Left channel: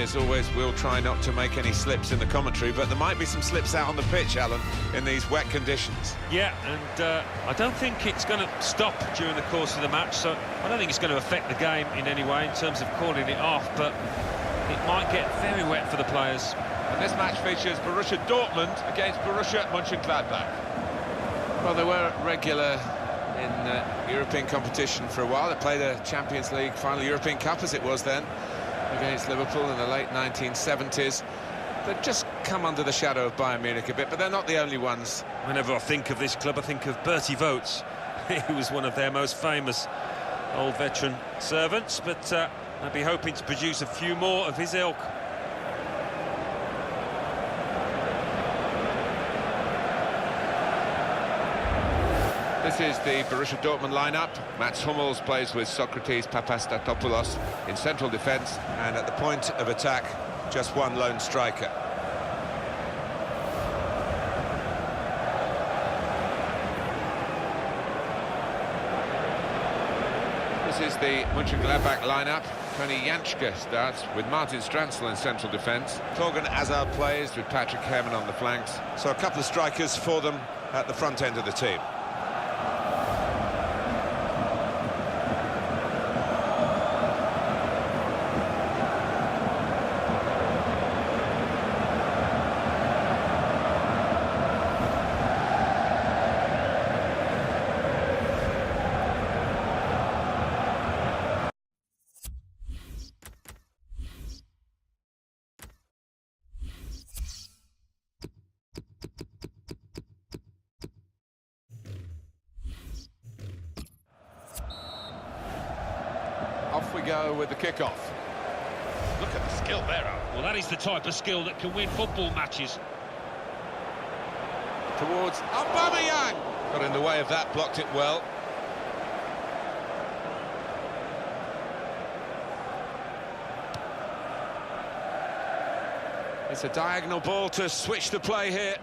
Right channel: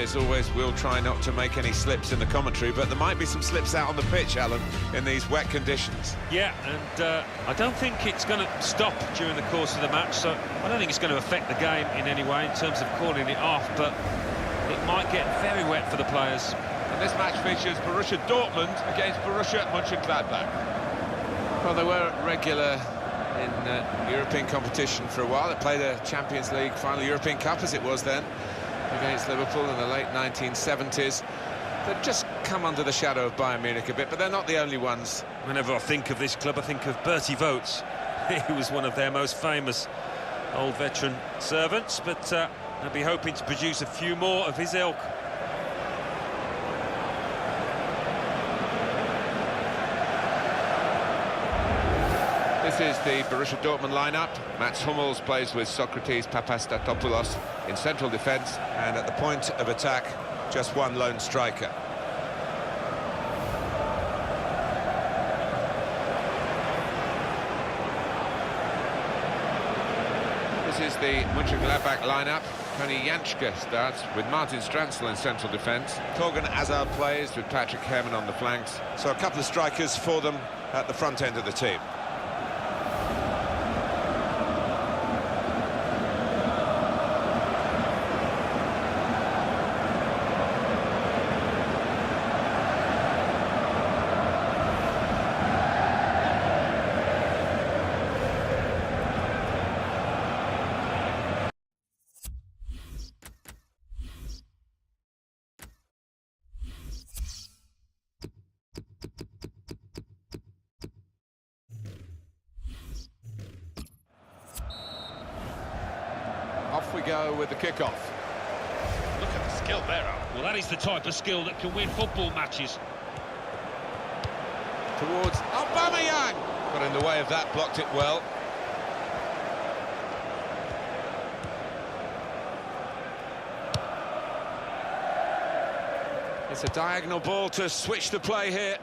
as always, we'll try not to make any slips in the commentary, but there might be some slips out on the pitch, Alan, in these wet conditions. Yeah, and I don't think it's going to stop during the course of the match, so I don't think it's going to affect the game in any way in terms of calling it off, but it might get very wet for the players. And this match features Borussia Dortmund against Borussia Mönchengladbach. Well, they were regular in European competition for a while. They played a Champions League final, European Cup as it was then, against Liverpool in the late 1970s. They've just come under the shadow of Bayern Munich a bit, but they're not the only ones. Whenever I think of this club, I think of Bertie Vogts. He was one of their most famous old veteran servants, but I'd be hoping to produce a few more of his ilk. This is the Borussia Dortmund lineup. Mats Hummels plays with Socrates Papastatopoulos in central defence, and at the point of attack, just one lone striker. This is the Mönchengladbach lineup. Tony Janschke starts with Martin Stranzl in central defence. Torgan Hazard plays with Patrick Herrmann on the flanks. So a couple of strikers for them at the front end of the team. Off we go with the kickoff. Look at the skill there, Alan. Well, that is the type of skill that can win football matches. Towards Aubameyang. Got in the way of that, blocked it well. It's a diagonal ball to switch the play here.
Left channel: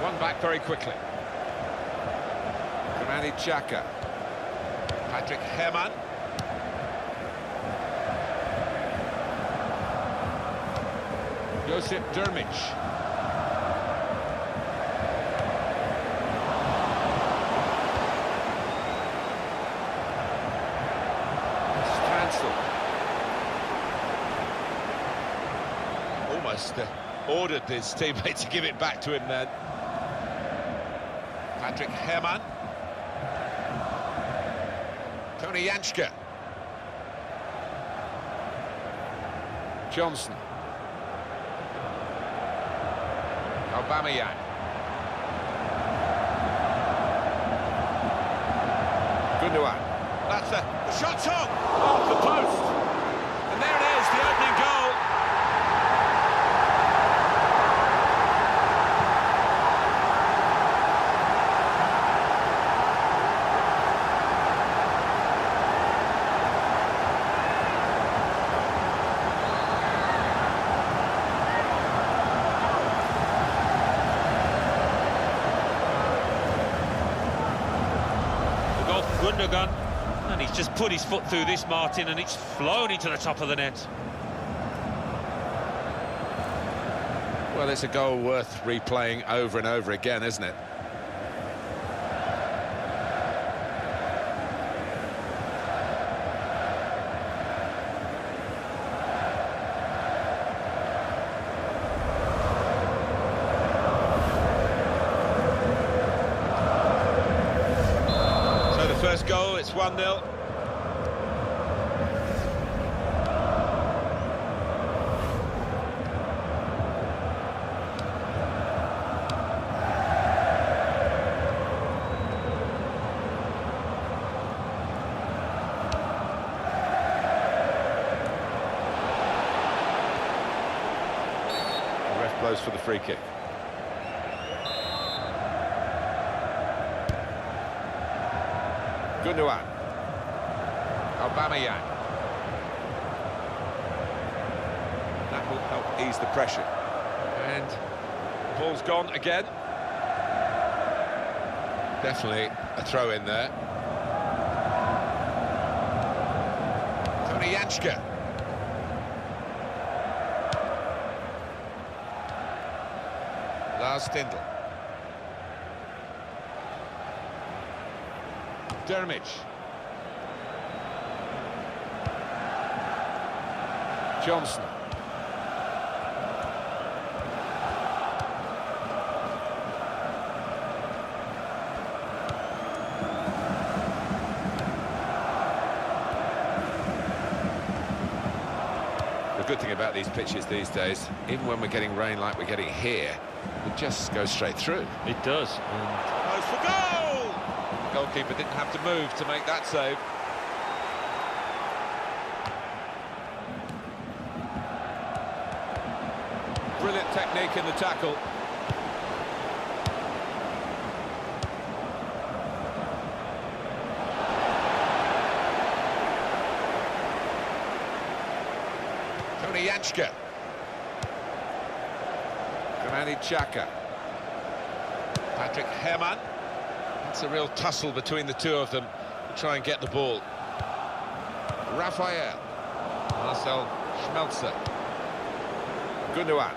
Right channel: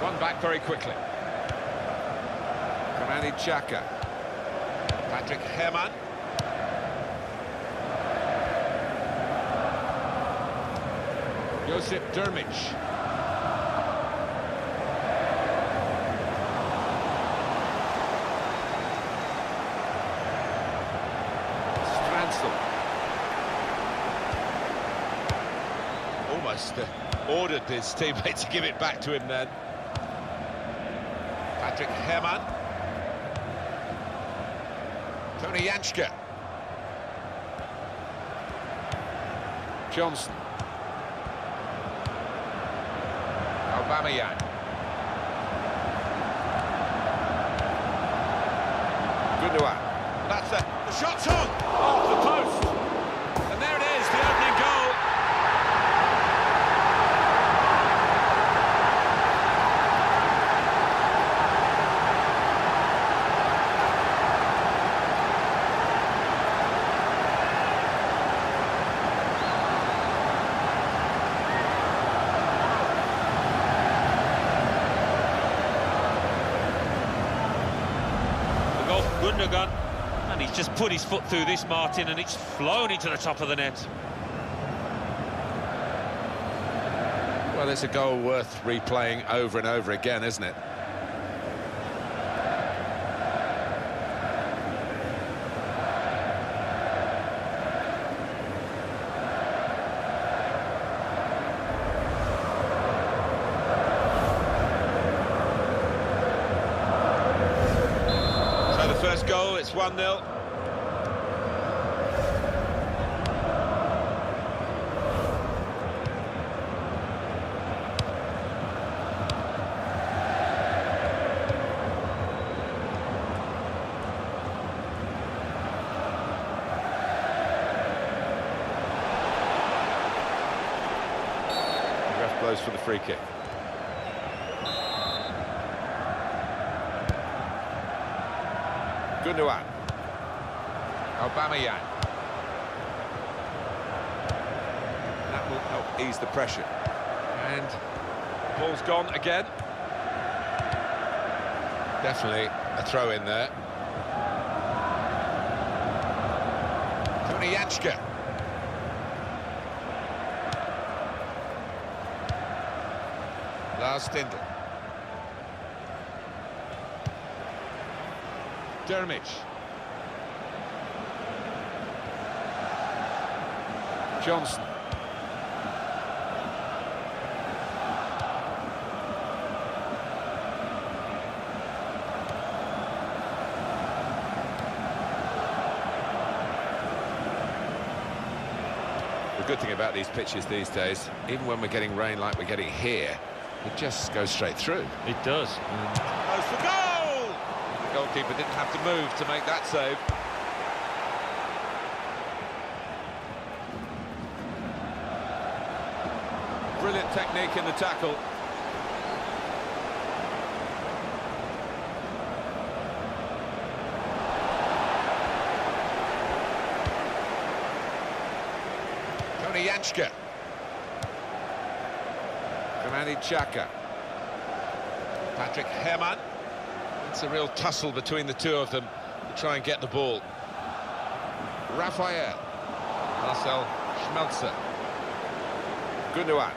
One back very quickly. Granit Xhaka. Patrick Herrmann. Josip Drmic. Stranzl. Almost ordered his teammate to give it back to him then. Patrick Herrmann. Tony Janschke. Johnson. Aubameyang. Gundogan. That's the shot's on! Off the post! And there it is, the opening goal. The goal from Gundogan, and he's just put his foot through this, Martin, and it's flown into the top of the net. Well, it's a goal worth replaying over and over again, isn't it? So the first goal, it's 1-0. The ref blows for the free kick. Gundogan. Aubameyang. That will help ease the pressure. And the ball's gone again. Definitely a throw in there. Tony Janschke. Lars Stindl. Dermich. Johnson. The good thing about these pitches these days, even when we're getting rain like we're getting here, it just goes straight through. It does. Goes for goal! The goalkeeper didn't have to move to make that save. Brilliant technique in the tackle. Tony Janschke. Granit Xhaka. Patrick Herrmann. It's a real tussle between the two of them to try and get the ball. Raphael. Marcel Schmelzer. Gundogan.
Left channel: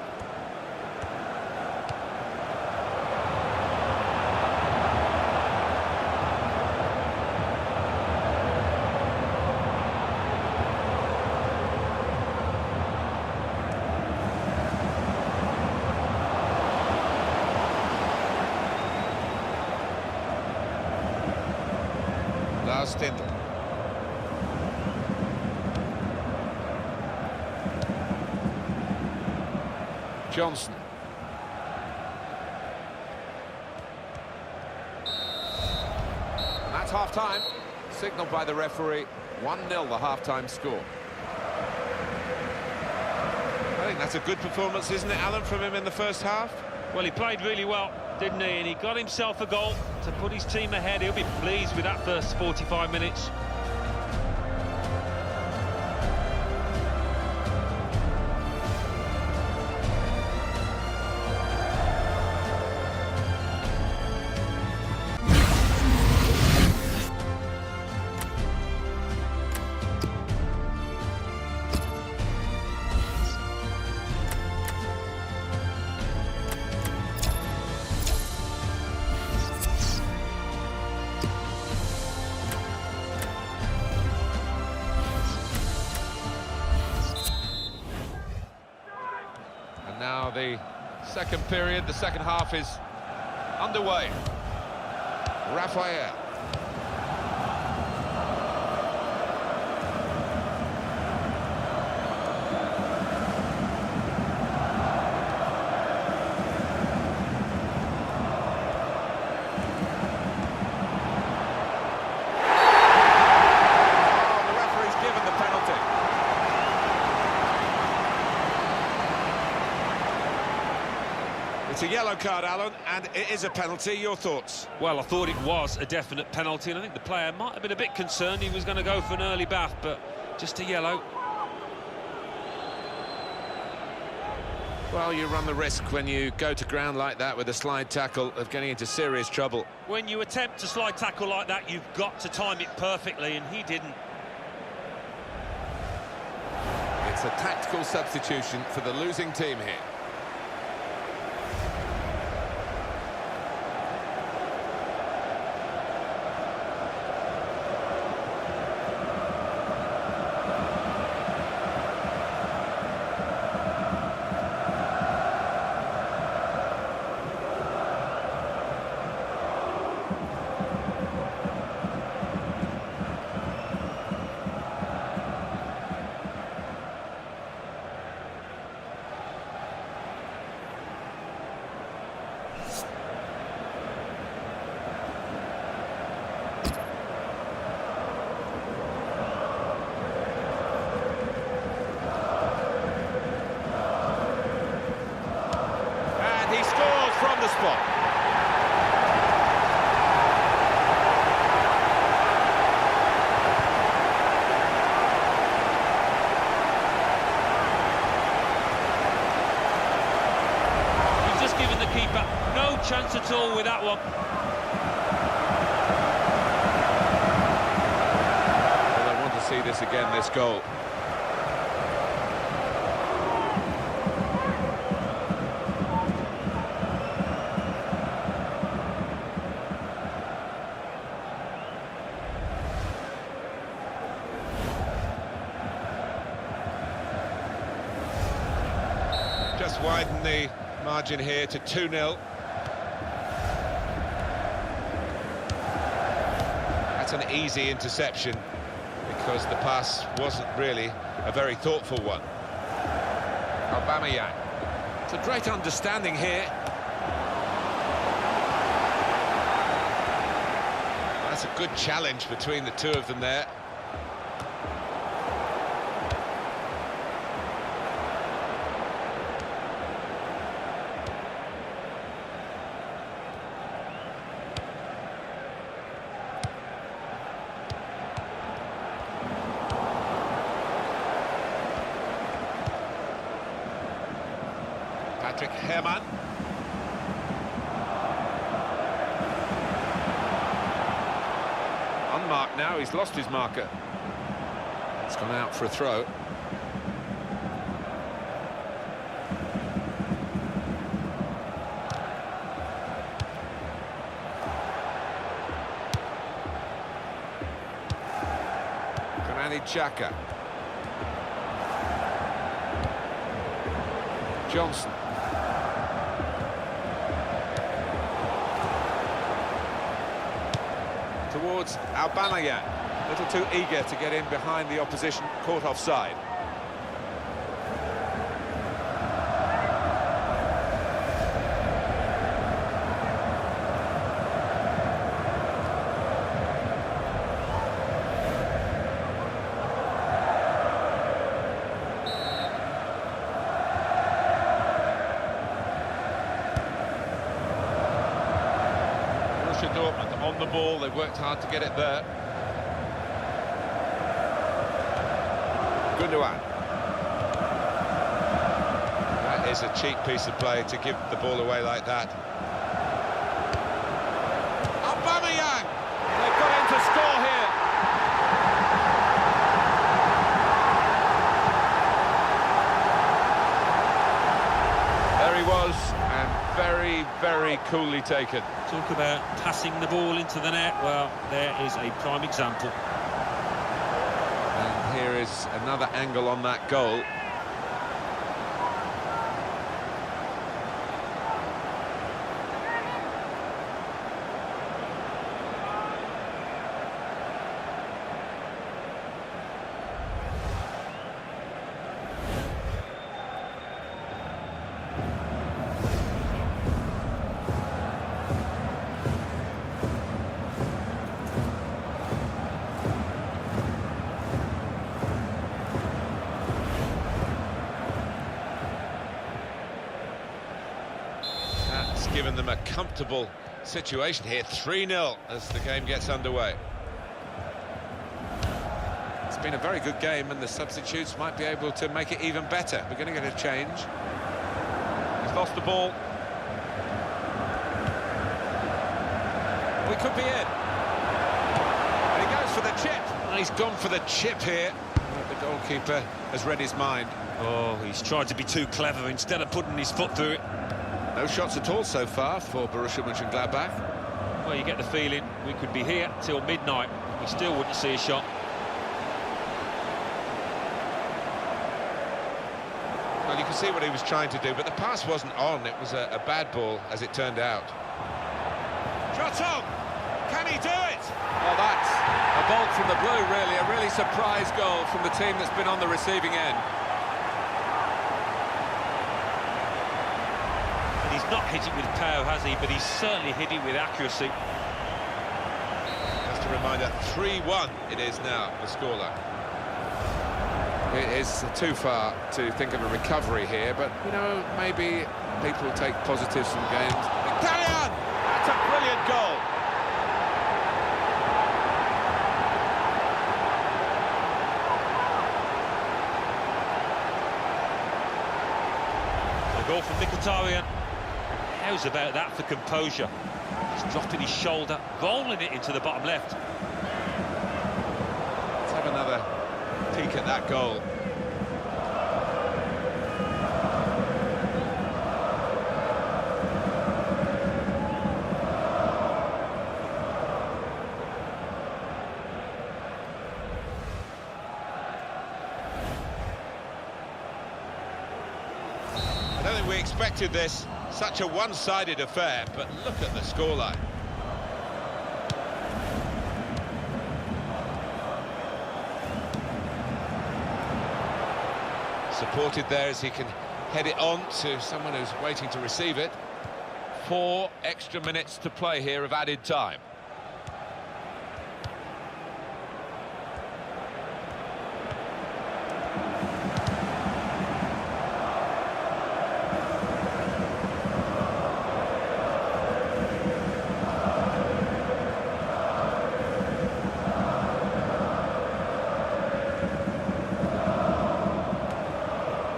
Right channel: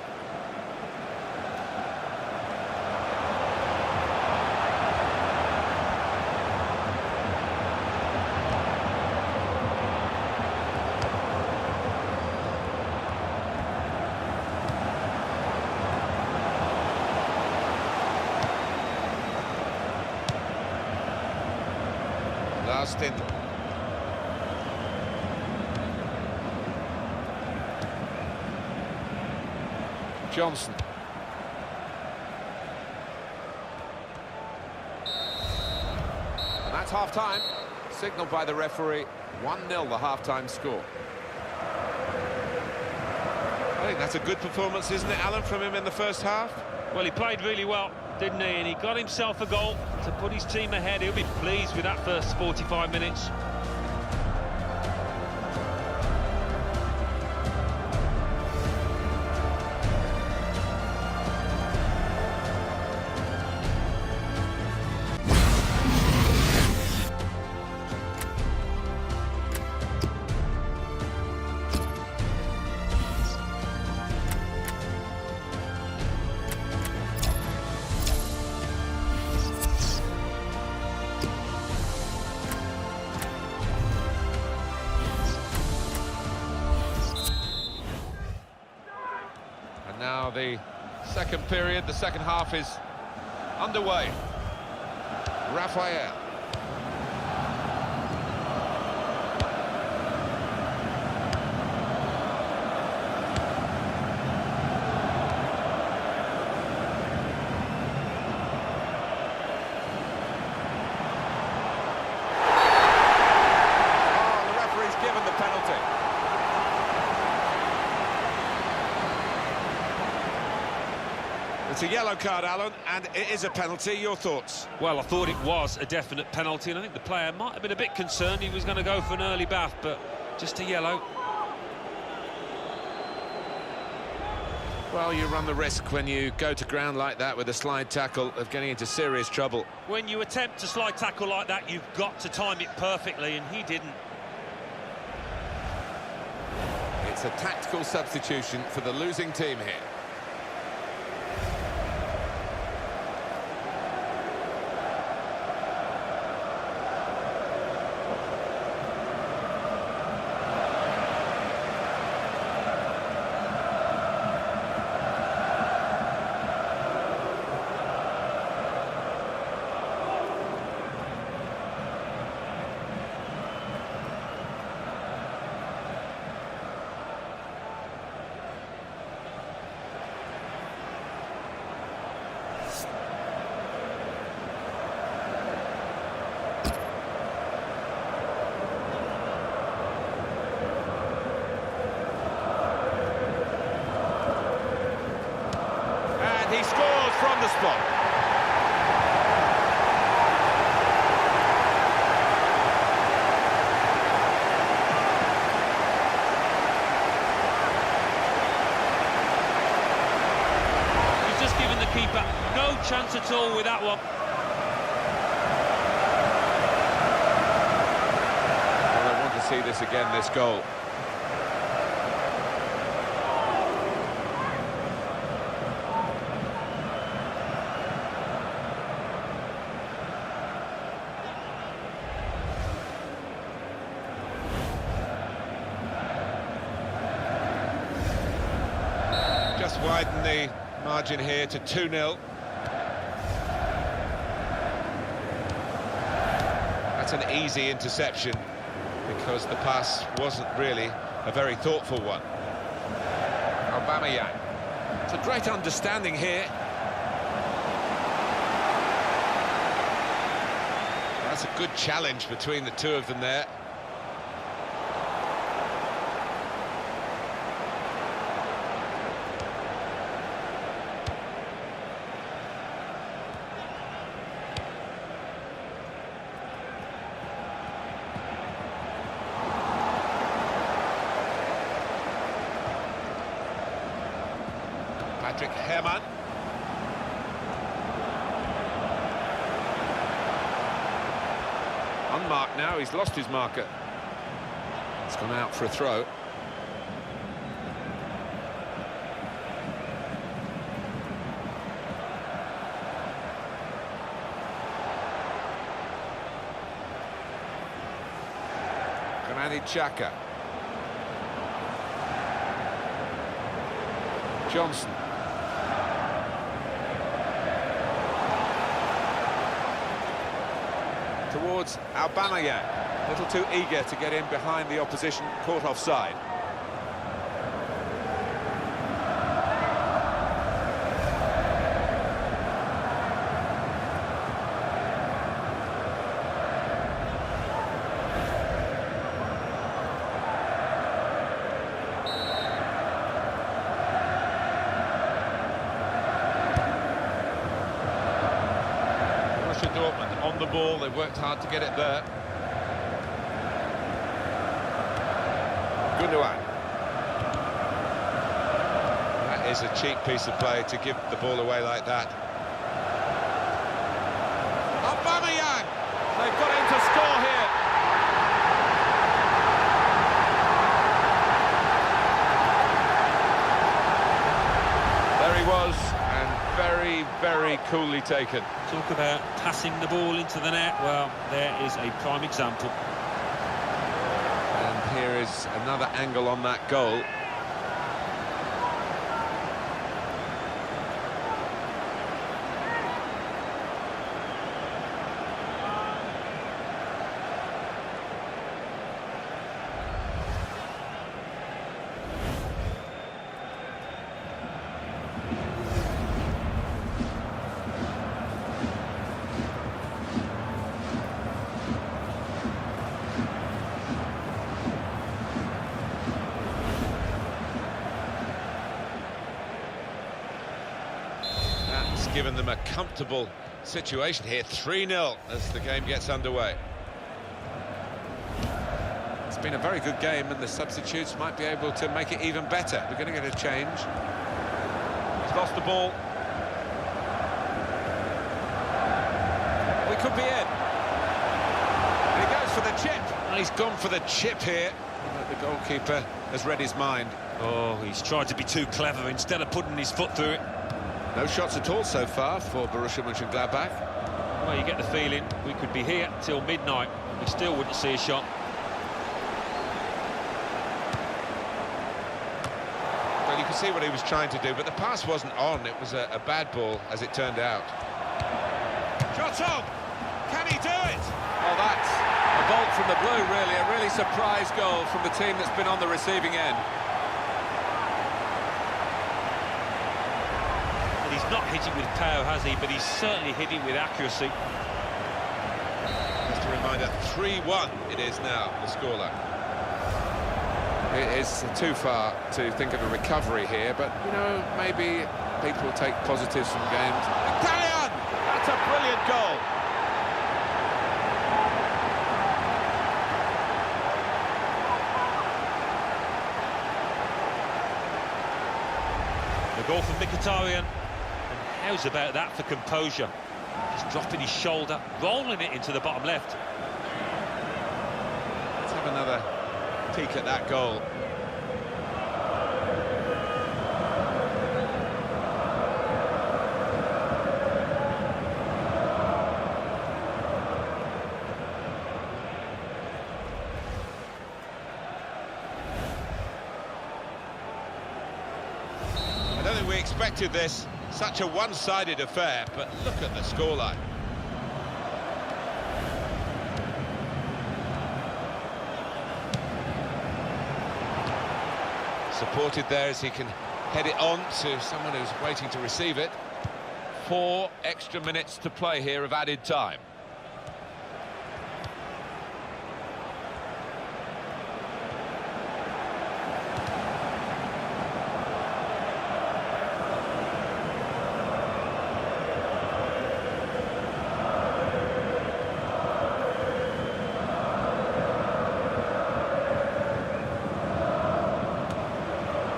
Lars Stindl. Johnson. And that's half-time, signalled by the referee. 1-0 the half-time score. I think that's a good performance, isn't it, Alan, from him in the first half? Well, he played really well, didn't he? And he got himself a goal to put his team ahead. He'll be pleased with that first 45 minutes. And now the second period, the second half is underway. Raphael. Oh, the referee's given the penalty. It's a yellow card, Alan, and it is a penalty. Your thoughts? Well, I thought it was a definite penalty, and I think the player might have been a bit concerned. He was going to go for an early bath, but just a yellow. Well, you run the risk when you go to ground like that with a slide tackle of getting into serious trouble. When you attempt a slide tackle like that, you've got to time it perfectly, and he didn't. It's a tactical substitution for the losing team here. And he scores from the spot. He's just given the keeper no chance at all with that one. Well, I want to see this again, this goal. just widen the margin here to 2-0. That's an easy interception, because the pass wasn't really a very thoughtful one. Aubameyang. It's a great understanding here. That's a good challenge between the two of them there. Patrick Herrmann. Unmarked now, he's lost his marker. It's gone out for a throw. Granit Xhaka. Johnson. Towards Aubameyang, a little too eager to get in behind the opposition, caught offside. Borussia Dortmund on the ball, they've worked hard to get it there. Gundogan. That is a cheap piece of play to give the ball away like that. Aubameyang! They've got him to score here. There he was, and very, very coolly taken. Talk about passing the ball into the net. Well, there is a prime example. And here is another angle on that goal. That's given them a comfortable situation here. 3-0 as the game gets underway. It's been a very good game, and the substitutes might be able to make it even better. We're going to get a change. He's lost the ball. We could be in. And he goes for the chip. And he's gone for the chip here. But the goalkeeper has read his mind. Oh, he's tried to be too clever instead of putting his foot through it. No shots at all so far for Borussia Mönchengladbach. Well, you get the feeling we could be here till midnight and we still wouldn't see a shot. Well, you can see what he was trying to do, but the pass wasn't on. It was a bad ball, as it turned out. Shot on! Can he do it? Oh, that's a bolt from the blue, really. A really surprise goal from the team that's been on the receiving end. And he's not hit it with power, has he? But he's certainly hit it with accuracy. Just a reminder, 3-1 it is now, the scoreline. It is too far to think of a recovery here, but, you know, maybe people take positives from games. Italian! That's a brilliant goal. A goal from Mkhitaryan. And how's about that for composure? Just dropping his shoulder, rolling it into the bottom left. Let's have another peek at that goal. A don't think we expected this. Such a one-sided affair, but look at the scoreline. Supported there as he can head it on to someone who's waiting to receive it. 4 extra minutes to play here of added time.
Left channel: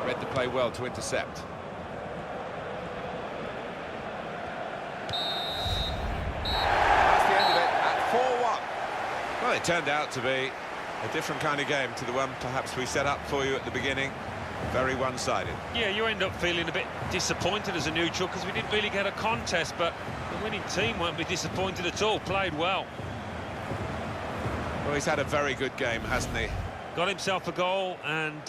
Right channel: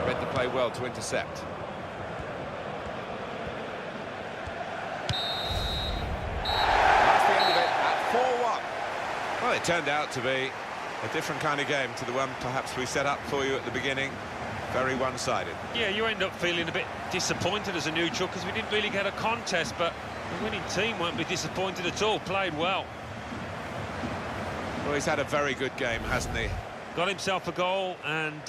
Read the play well to intercept. That's the end of it at 4-1. Well, it turned out to be a different kind of game to the one perhaps we set up for you at the beginning. Very one-sided. Yeah, you end up feeling a bit disappointed as a neutral because we didn't really get a contest, but the winning team won't be disappointed at all. Played well. Well, he's had a very good game, hasn't he? Got himself a goal and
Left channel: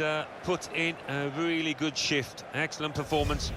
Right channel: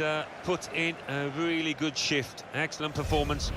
put in a really good shift. Excellent performance.